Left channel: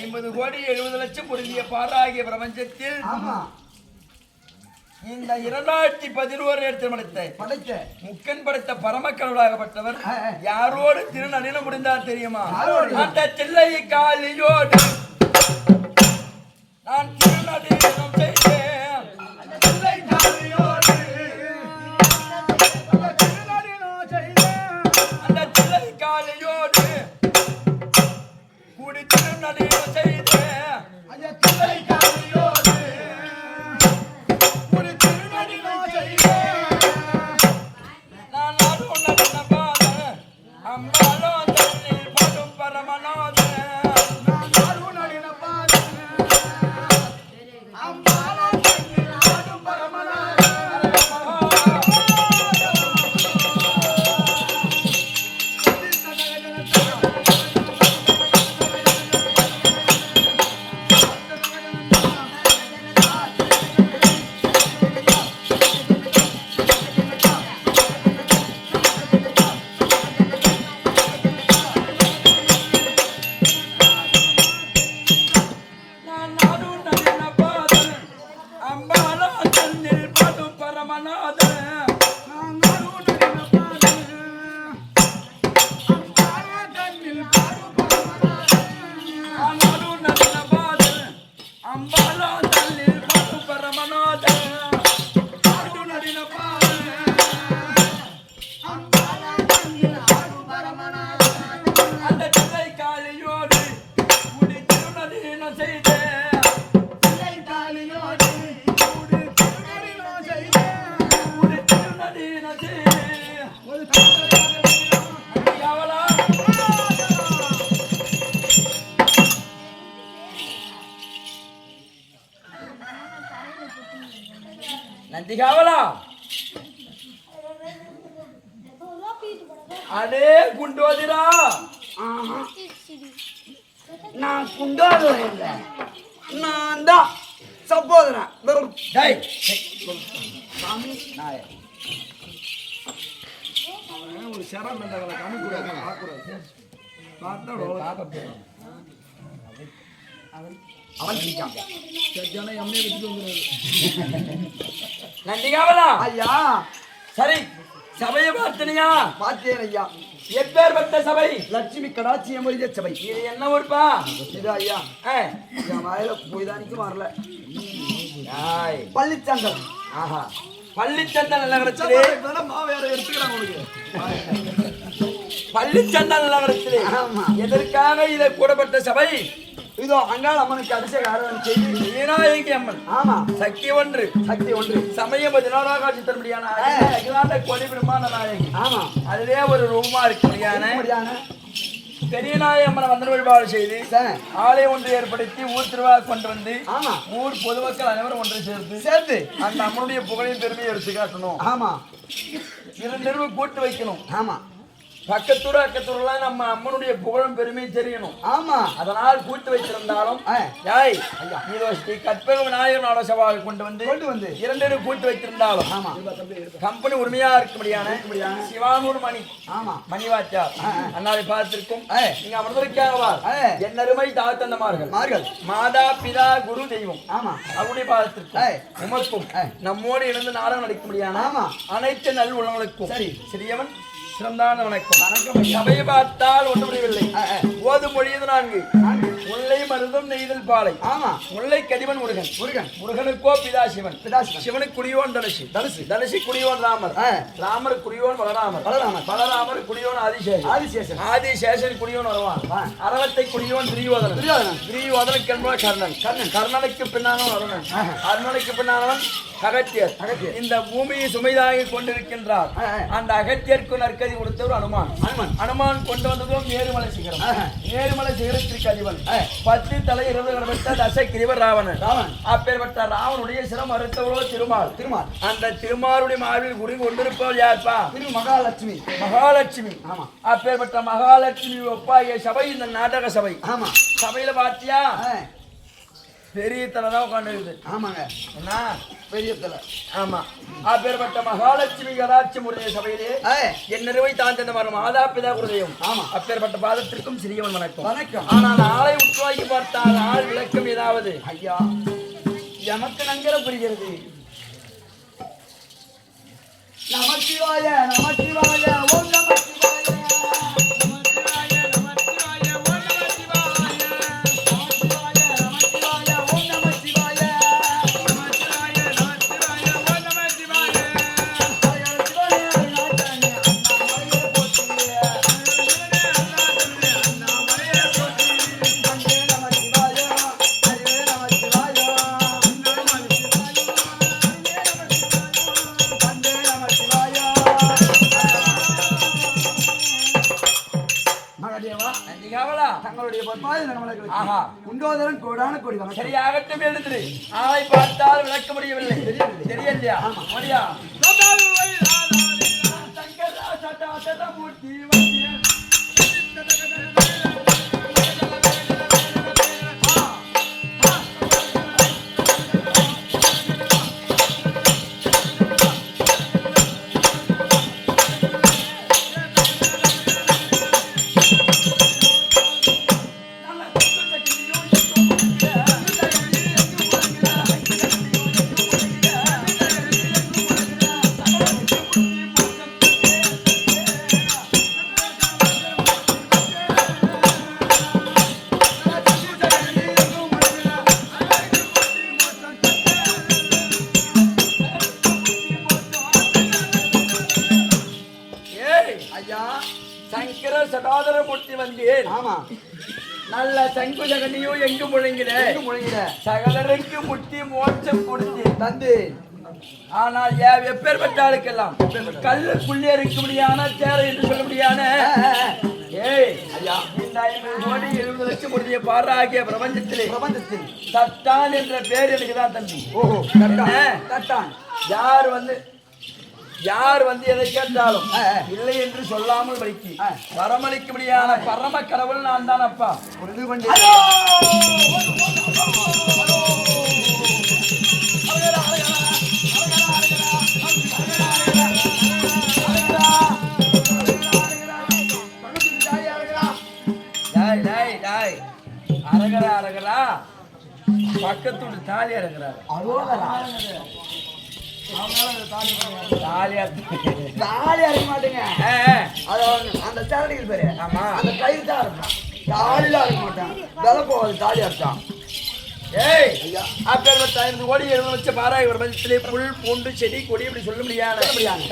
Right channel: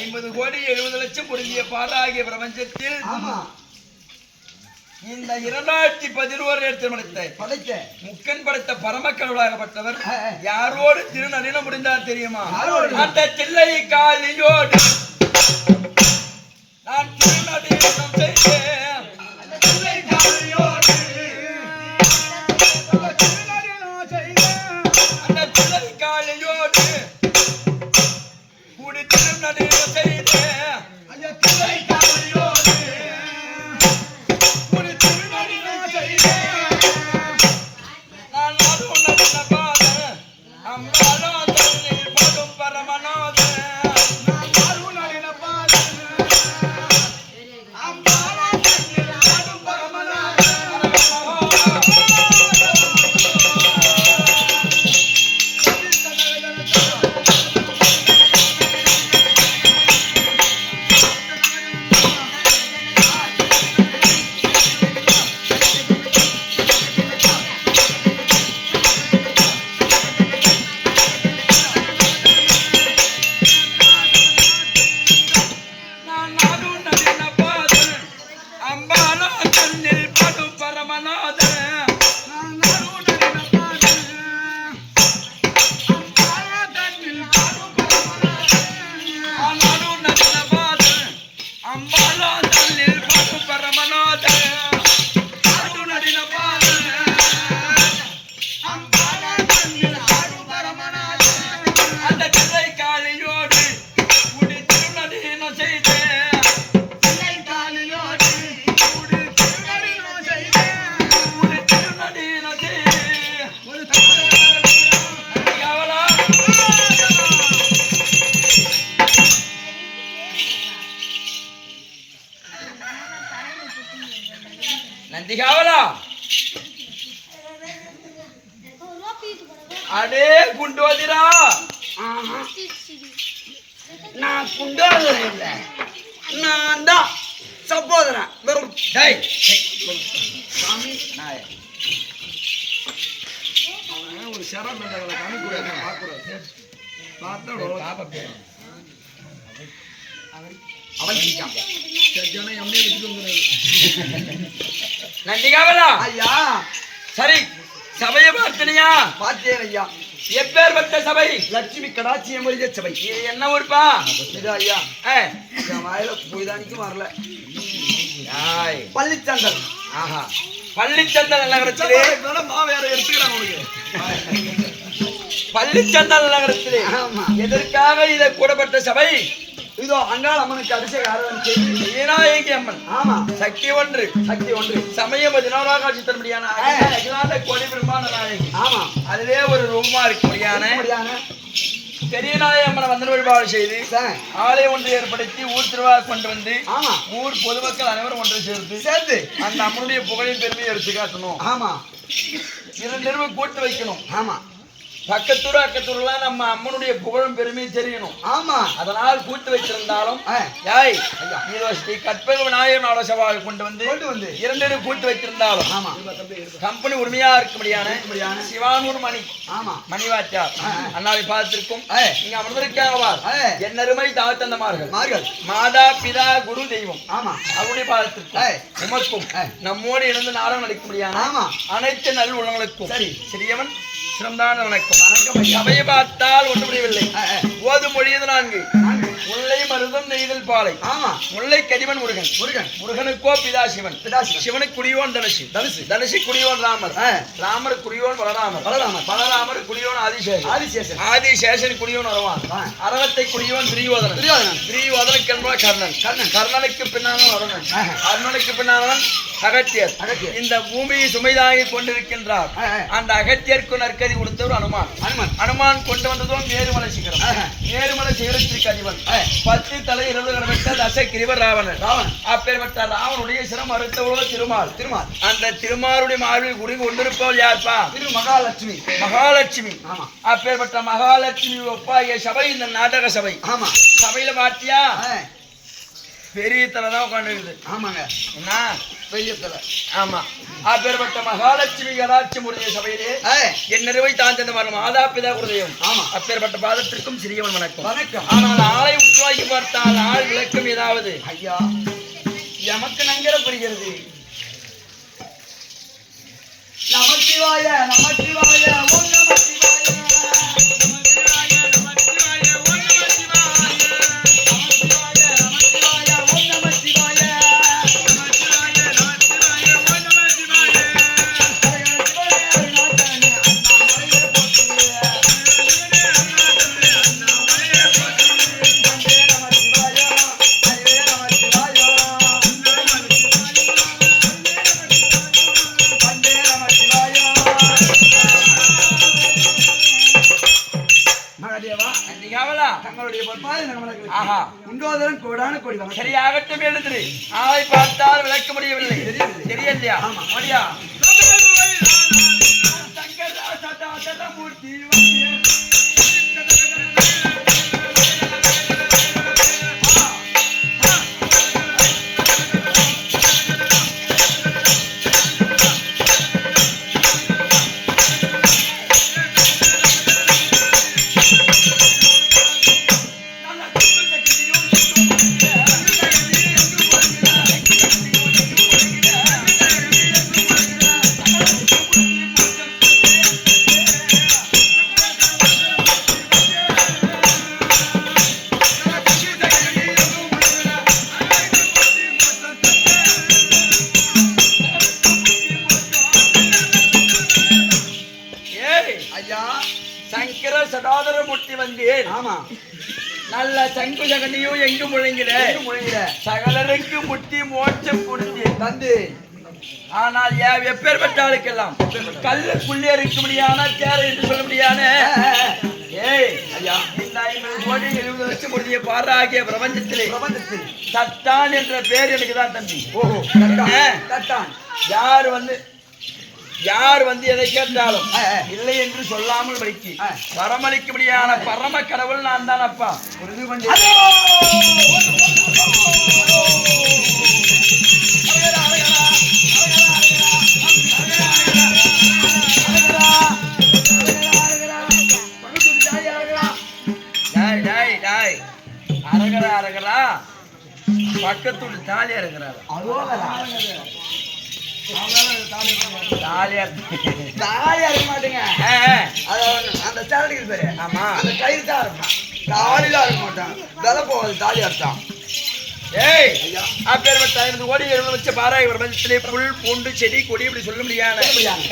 50 கோடி 70 லட்சம் பொருந்திய பாராகிய பிரபஞ்சத்தில் இந்த 2011 படைத்த முக்கன் படைத்த பரமக்கடவுளாகப்பட்டவர் யாரோடு திருநனில முடிந்தார் தெரியுமா? அந்த தில்லை காலியோடு நான் திருநடினம் செய்தேன். அந்த தில்லை காலியோடு அந்த தில்லை காலியோடு கூடி திருநடினம் செய்தேன். அந்த தில்லை காலியோடு கூடி திருநடினம் செய்தேன். நான் அது உன்ன பாத அம்மாளோ தள்ளி படும் பரமநாத நந்திகாவலா அடே குண்டோதிரா நான் குண்டோதரன் இல்லை, நான் தான் சப்போதரன். சாமி அவன் ஒரு சரம் என்றவளை காமிக்கூடாது, பார்க்கக்கூடாது. பார்த்தா அவன் எம்மே வச்சுட்டு வந்துடுறாரு. நந்திகாவலா ஐயா, சரி சபையை பார்த்தனியா? பார்த்தேன் ஐயா. எப்பேற்பட்ட சபை? லட்சுமி கடாட்சிய முருக சபை. இது என்ன ஊர்ப்பா? இது ஐயா என் வாயில போய்தானிக்கு வரல. பள்ளிச்சந்தல். ஆஹா, பள்ளிச்சந்தல் நகரத்திலே வேற எடுத்துக்கிறாங்க உனக்கு. பள்ளிச்சந்தல் நகரத்திலே எதற்காக இதை கூடப்பட்ட சபை? இதோ அங்காள் அம்மனுக்கு அபிஷேக ஆராதனை செய்து விநாயகி அம்மன். ஆமா, சக்தி ஒன்று, சக்தி ஒன்று. சமயம் 16 காட்சி தரும்படியான கோடி பிரம்மாண்ட நாயகி. ஆமா, அதுவே ஒரு ரூபமா இருக்கும்படியான பெரிய நாயகி அம்மனை வந்தன வழிபாடு செய்து ஆலயம் ஒன்று ஏற்படுத்தி ஊர் திருவிழா கொண்டு வந்து ஊர் பொதுமக்கள் அனைவரும் ஒன்று சேர்த்து அந்த அம்மனுடைய புகழின் பெருமையை எடுத்து காட்டணும். ஆமா, 2 கூட்டு வைக்கணும். ஆமா, பக்கத்தூர் அக்கத்தூர்லாம் நம்ம அம்மனுடைய புகழும் பெருமையும் தெரியணும். ஆமா, அதனால் கூட்டு வச்சிருந்தாலும் கற்பக விநாயகனோட சவால் கொண்டு வந்து 2 கூட்டு வச்சிருந்தாலும் கம்பெனி உரிமையா இருக்கும்படியான சிவானூர் மணி மணிவாச்சார் அண்ணாவை பார்த்திருக்கும். இங்க அமர்ந்திருக்காங்க என் அருமை தாத்தந்தமார்கள் மாதா பிதா குரு தெய்வம் அவருடைய பார்த்திருக்கும். உமக்கும் நம்மோடு இருந்து நாடகம் நடிக்கும்படியான அனைத்து நல் உள்ளவங்களுக்கும் சிறியவன் சிறந்தான வணக்கம். சபையை பார்த்தால் ஒன்று முடியவில்லை. ஓது மொழியது 4. முல்லை மருதம் நெய்தல் பாலை. முல்லை கடிவன் முருகன். முருகனுக்கோ பிதா சிவன். சிவனுக்கு குடியோன் தனுசு குடியோன் ராமர் குடியோன் பலராமர் குடியோன் ஆதிசேஷன் குடியோன் வருவான். அரவத்தை குடியோன் திரியோதனுக்கு என்பவன் கர்ணனுக்கு பின்னானவன் அருணன். அருணனுக்கு பின்னானவன் அகத்தியர். இந்த பூமியை சுமைதாகி கொண்டிருக்கின்றார். அந்த அகத்தியருக்கு நற்கதி கொடுத்தவர் அனுமான் கொண்டு வந்ததும் மேருமலை சிகரம். மேருமலை சிகரத்திற்கு அதிபன் 10 தலை 20 கடமைத்த தசகிரிவர் ராவணன். அப்பேற்பட்ட ராவனுடைய சிரம் அறுத்தவளோ திருமால். அந்த திருமாலுடைய மார்பில் குடி கொண்டிருப்பவள் யார்ப்பா? மகாலட்சுமி. அப்பேற்பட்ட மகாலட்சுமி ஒப்பாகிய சபை இந்த நாடக சபை. சபையில பார்த்தியா பெரிய தலை தான் உட்காந்துருக்குது. ஆமாங்க, என்ன பெரிய தலை. ஆமா. அப்பேற்பட்ட மகாலட்சுமி கடாட்சி முறைய சபையிலே என் நிறுவை தாழ்ந்த மரம் மாதாபிதா குருதயம். ஆமா. அப்பேற்பட்ட பாதத்திற்கும் சிறியவன் வணக்கம். வணக்கம். ஆனால் ஆளை உற்றுவாக்கி பார்த்தால் ஆள் விளக்கம் ஏதாவது ஐயா எமக்கு நங்கர புரிகிறது. நமச்சிவாய நமச்சிவாய ஓம் நமச்சிவாய. தங்களுடைய பொற்பாதை நகமலங்களுக்கு உண்டோதரன் கோடான கோடி வணக்கம். சரியாகட்டும் எழுதுரு. ஆளை பார்த்தால் விளக்க முடியவில்லை. தெரியலையா? மரியா சங்கர சடாதர மூர்த்தி வந்தேன். ஆமா, நல்ல சங்கு சகனியும் எங்கு முழங்கிட சகலருக்கு முட்டி மோட்சம் கொடுத்து தந்து. ஆனால் எப்பேற்பட்ட ஆளுக்கெல்லாம் கல்லுக்குள்ளே இருக்க முடியான தேரை என்று சொல்ல முடியான ஐயா இந்த 50 கோடி 70 லட்சம் முடிய பாராகிய பிரபஞ்சத்தில் தட்டான் என்ற பேர் எனக்கு தான் தம்பி. ஓஹோ, தட்டான். யார் வந்து எதை கேட்டாலும் இல்லை என்று சொல்லாமல் படிக்கு வரமளிக்க முடியாத பரம கடவுள் நான் தான் அப்பா. புரிந்து கொண்டே அரகரா அரகரா பக்கத்தோடு தாலி அரகிறாரு. அந்த சேலடிக்கு பேரு. ஆமா, அந்த கயிறு தான் இருப்பான், தாலிலாம் இருக்க மாட்டான். விலை போகாது தாலி அர்த்தம். ஏய் ஐயா, அப்பேற்பட்ட 50 கோடி 70 லட்சம் பாராய் பிரபஞ்சத்திலே புல் பூண்டு செடி கொடி இப்படி சொல்ல முடியாது.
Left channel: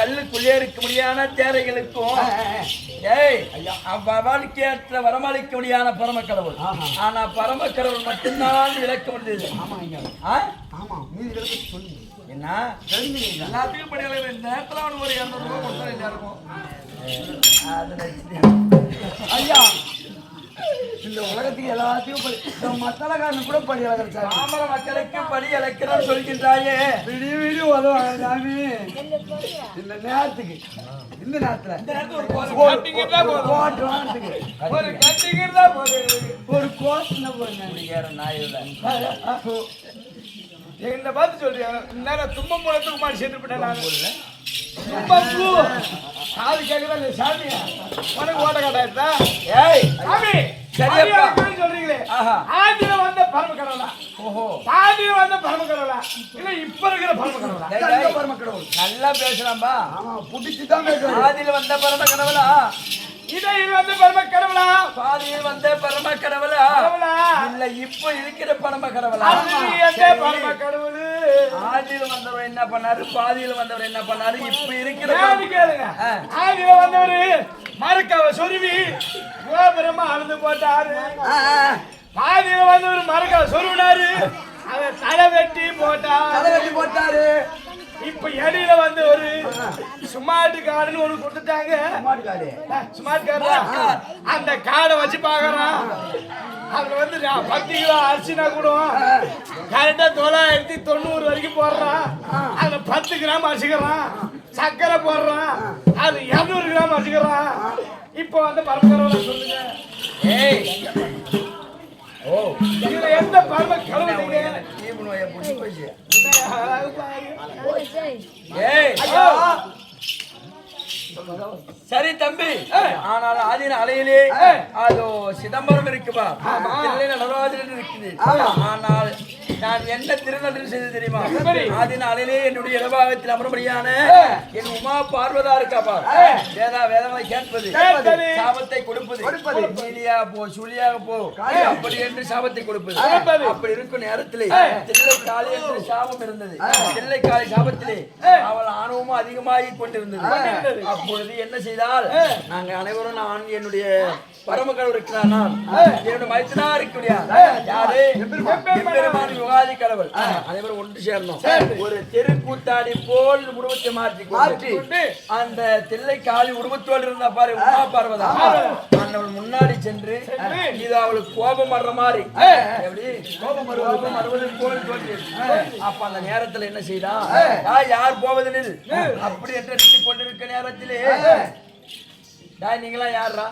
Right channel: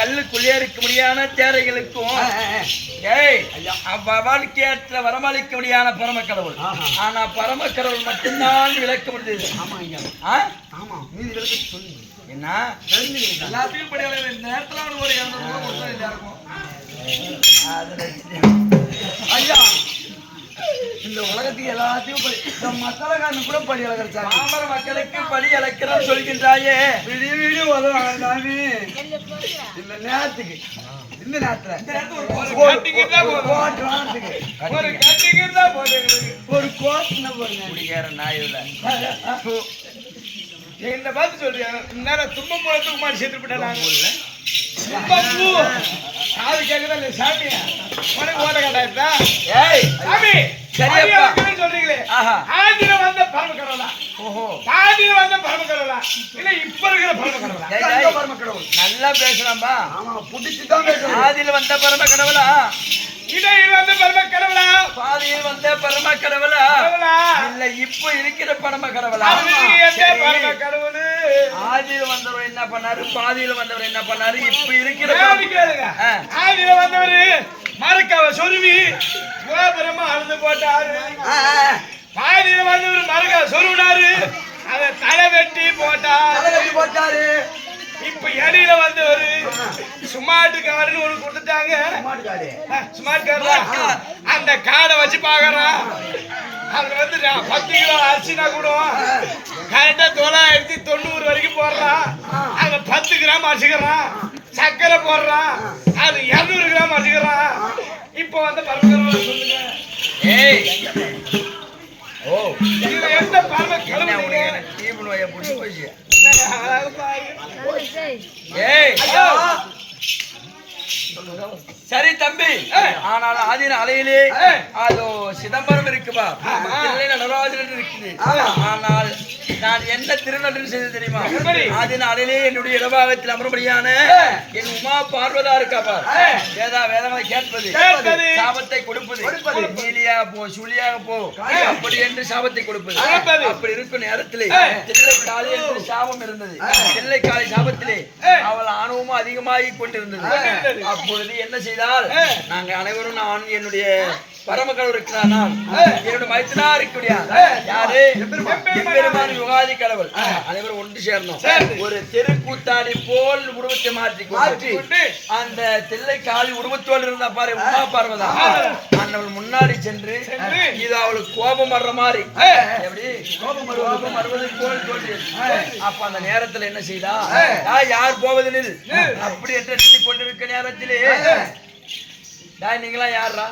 கல்லுக்குள்ளே இருக்க முடியாத தேரைகளுக்கும் ஏய் ஐயா வாழ்க்கையற்ற வரமளிக்க முடியாத பரம கடவுள். ஆனா பரம கடவுள் மட்டும்தான் விளக்க முடியுது. ஆமா ஐயா, ஆமா, மீதி விளக்க சொல்லுங்க. என்ன எல்லாத்துக்கும் படி நேரத்துல அவனுக்கு ஒரு 200 ரூபாய் கொடுத்தா எல்லாருக்கும் ஐயா. இந்த உலகத்துக்கு எல்லாத்தையும் மத்தளக்காரனு கூட படி இழக்கிறாங்க. பாமர மக்களுக்கு படி இழக்கிறான்னு சொல்கின்றாயே. விடி உதவாங்க சாமி. இந்த நேரத்துக்கு இந்த நேரத்துல ஒரு கோஷம் குடிக்கிற நாயில என்ன பார்த்து சொல்றேன். தும்ப மூலத்துக்கு மாதிரி சேர்த்து விட்டேன். காது கேக்குதா இல்ல சாமியா? உனக்கு ஓட்ட காட்டாயிருந்தா? ஏய் சாமி சரியா சொல்றீங்களே, ஆதியில வந்த பரம கடவுளா? ஓஹோ, ஆதியில வந்த பரம கடவுளா இல்ல இப்ப இருக்கிற பரம கடவுளா? பரம கடவுள் நல்லா பேசலாம்பா. ஆமா, புடிச்சுதான் பேசுறேன். ஆதியில வந்த பரம கடவுளா, இடையில் வந்த பரம கடவுளா, பாதியில் வந்த பரம கடவுளா, இல்ல இப்ப இருக்கிற பரம கடவுளா? பரம கடவுள். ஆதியில வந்தவர் என்ன பண்ணாரு, பாதியில வந்தவர் என்ன பண்ணாரு, இப்ப இருக்கிற ஆதியில வந்தவரு மரக்காவ சொருவி கோபுரமா அழுது போட்டாரு. பாதியில வந்தவர் மரக்காவ சொருவினாரு, அதை தலை வெட்டி போட்டாரு. இப்ப இடையில வந்தவரு ஸ்மார்ட் கார்டுன்னு ஒண்ணு கொடுத்துட்டாங்க. ஸ்மார்ட் கார்டு அந்த கார்டை வச்சு பாக்குறான். அதுல வந்து 10 கிலோ அரிசினா கூட கரெக்டா 990 வரைக்கும் போடுறான். அதுல 10 கிராம் அரிசிக்கிறான். சர்க்கரை போடுறான், அது 200 கிராம் அரிசிக்கிறான். இப்போ வந்து பரம்பரை சொல்லுங்க. ஏய் ஓ இதுல எந்த பரம கடவுள் நீங்க? டீம் நோயை புடிச்சு போச்சு. என்ன அழகு பாரு. ஏய் சரி தம்பி, ஆனால் ஆதின அலையிலே அதோ சிதம்பரம் இருக்குப்பா, தில்லை நடராஜன் இருக்குது. ஆனால் நான் என்ன திருநடனம் செய்து தெரியுமா? ஆதின அலையிலே என்னுடைய இடபாகத்தில் அமரும்படியான என் உமா பார்வதா இருக்காப்பா. வேதங்களை கேட்பது, சாபத்தை கொடுப்பது, நீலியா போ சுழியாக போ அப்படி என்று சாபத்தை கொடுப்பது. அப்படி இருக்கும் நேரத்திலே தில்லை காளி என்று சாபம் இருந்தது. தில்லை காளி சாபத்திலே அவள் ஆணவமும் அதிகமாகி கொண்டிருந்தது. அப்பொழுது என்ன செய்தால், நாங்க அனைவரும் நான் என்னுடைய பரமக்கடவுள் இருக்கிறார், நான் என்னுடைய மைத்துனா இருக்கக்கூடிய யாரு எம்பெருமான் யுகாதி கடவுள் அனைவரும் ஒன்று சேர்ந்தோம். ஒரு தெருக்கூத்தாடி போல் உருவத்தை மாற்றி அந்த தில்லை காளி உருவத்தோடு இருந்த பாரு உமா பார்வதா, அவள் முன்னாடி சென்று இது அவளுக்கு கோபம் வர்ற மாதிரி எப்படி கோபம் வருவது போல் தோன்றியது. அப்ப அந்த நேரத்துல என்ன செய்தா, யார் போவதில் அப்படி என்று அடித்துக் கொண்டிருக்க நேரத்திலே நீங்களா யாரா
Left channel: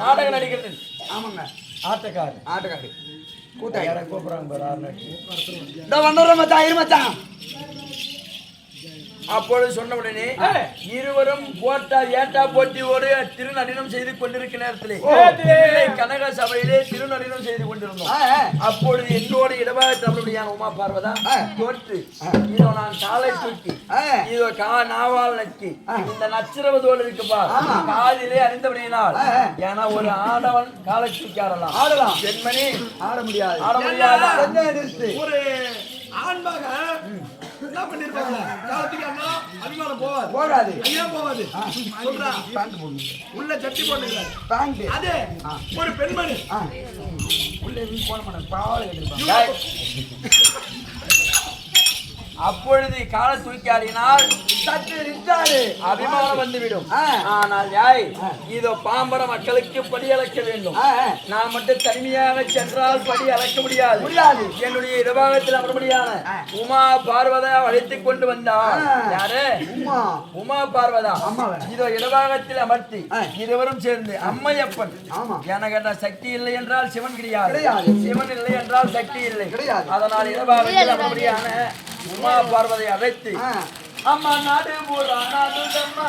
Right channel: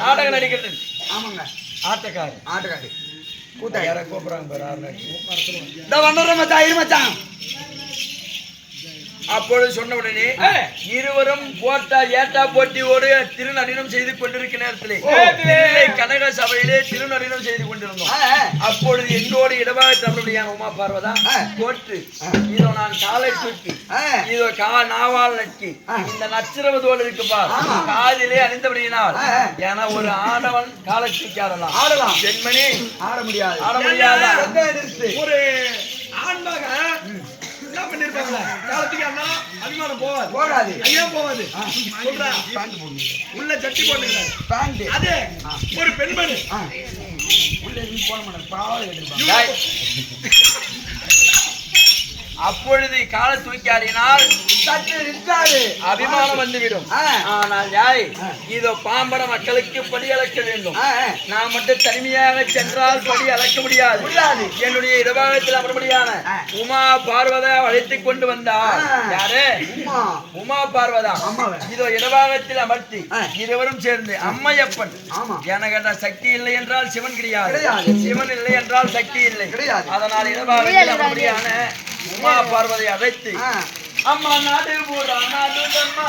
நாடகம் நடிக்கிறது? ஆமாங்க, ஆட்டக்காரு கூட்டம் யாரை கூப்பிடுறாங்க பாரு. அப்பொழுது சொன்ன உடனே இருவரும் ஏட்டா போட்டியோடு திருநடனம் செய்து கொண்டிருக்க நேரத்திலே கனக சபையிலே திருநடனம் செய்து கொண்டிருந்தோம். அப்பொழுது என்னோடு இடமாக தமிழுடையான உமா பார்வதா தோற்று இதோ நான் காலை தூக்கி இதோ நாவால் நக்கி இந்த நச்சிரவதோடு இருக்குப்பா காதிலே அணிந்தபடியினால், ஏன்னா ஒரு ஆடவன் காலை தூக்கி ஆடலாம், பெண்மணி ஆட முடியாது. ஒரு ஆண்பாக என்ன பண்ணிருப்பாங்க, காலத்துக்கு அண்ணா அபிமானம் போகாது ஐயா போகாது உள்ள சட்டி போட்டு அதே ஒரு பெண்மணி உள்ள போன மாட்டாங்க பாவலை கேட்டிருப்பாங்க. அப்பொழுது கால தூக்கி ஆடினால் அபிமானம் வந்துவிடும். ஆனால் யாய் இதோ பாம்பர மக்களுக்கு படி அளக்க வேண்டும். நான் மட்டும் தனிமையாக சென்றால் படி அளக்க முடியாது. என்னுடைய இடபாகத்தில் அமர்படியான உமா பார்வதா அழைத்துக் கொண்டு வந்தார். யாரு? உமா பார்வதா. இதோ இடபாகத்தில் அமர்த்தி இருவரும் சேர்ந்து அம்மையப்பன் எனக்கு சக்தி இல்லை என்றால் சிவன் கிடையாது, சிவன் இல்லை என்றால் சக்தி இல்லை. அதனால் இடபாகத்தில் அமர்படியான உமா பார்வதை அழைத்து அம்மா நாடு பூரா நாடுதம்மா,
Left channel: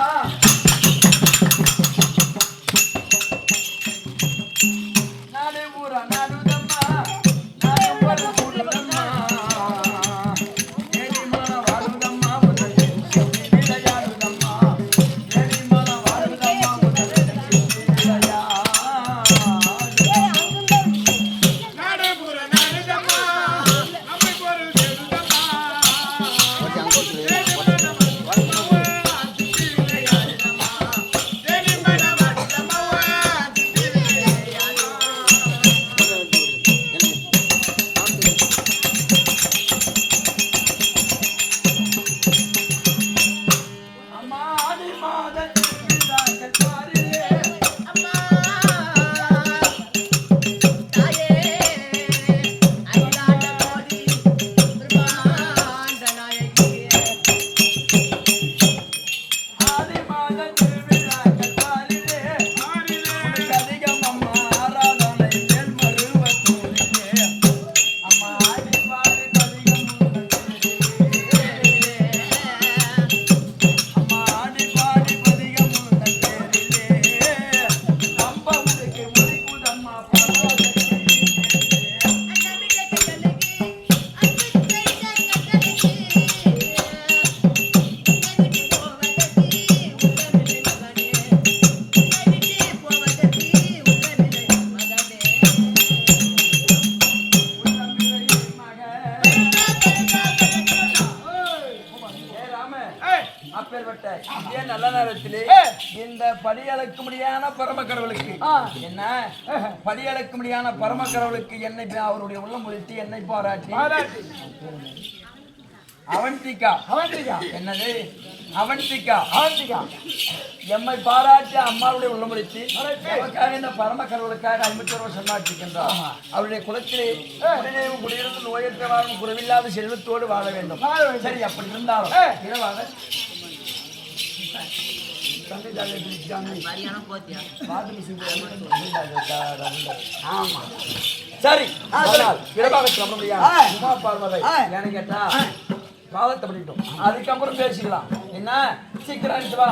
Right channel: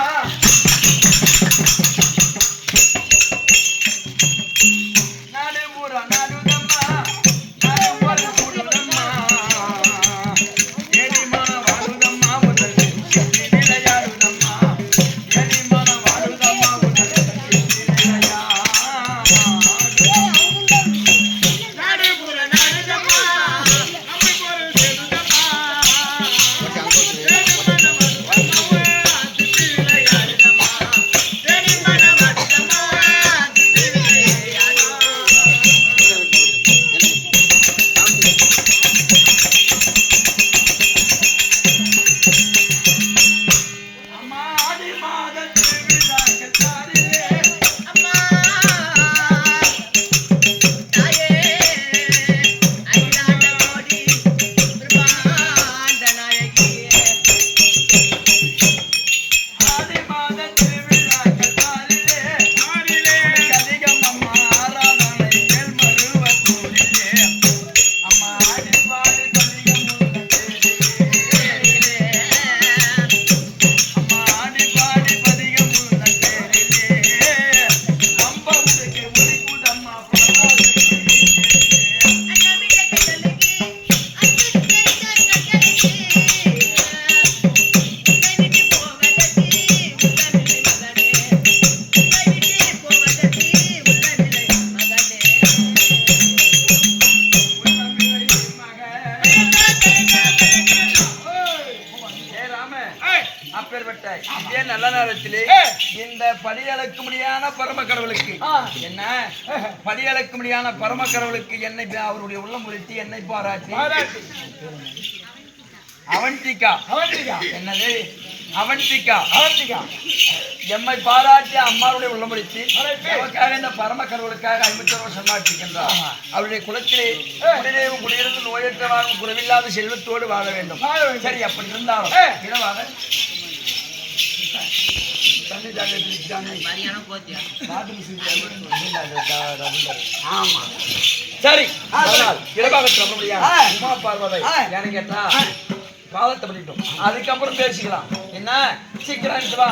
நாடு பூரா நாடுதம்மா, நாடு போல கூடுதம்மா, ஏடிமான வாழுதம்மா முதல் விளையாடுதம்மா, ஏடிமான வாழுதம்மா முதல் விளையா நாடு பூரா நாடுதம்மா, அம்மை போல சேருதம்மா, அப்பேற்பட்ட இதே நல்ல நேரத்திலே இந்த படியளக்க முடியாத பரம கடவுளுக்கு என்ன படியளக்க முடியாத பரம கடவுளுக்கு என்னை அவருடைய உள்ளம் உறுத்தி என்னை பாராட்டி அவந்திகா என்னது அவந்திகா எம்மை பாராட்டி அம்மாவுடைய உள்ளமுடித்து நமக்காக இந்த பரம கடவுளுக்காக 50 வருஷம் நாட்டிருக்கின்றார். அவருடைய குலத்திலே குடியிருந்து நோயற்றவாறும் குறைவில்லாத செல்வத்தோடு வாழ வேண்டும். சரி, அப்படி இருந்தாலும் இரவாக ஆமா சரி சரி. அதனால் இடபாகத்தில் அப்ப முடியாது ஆ. உமா பார்வதை ஆ. எனக்கு கேட்டா பாவத்தை பண்ணிட்டோம் அதுக்கப்புறம் பேசிக்கலாம் என்ன சீக்கிரம் எடுத்து வா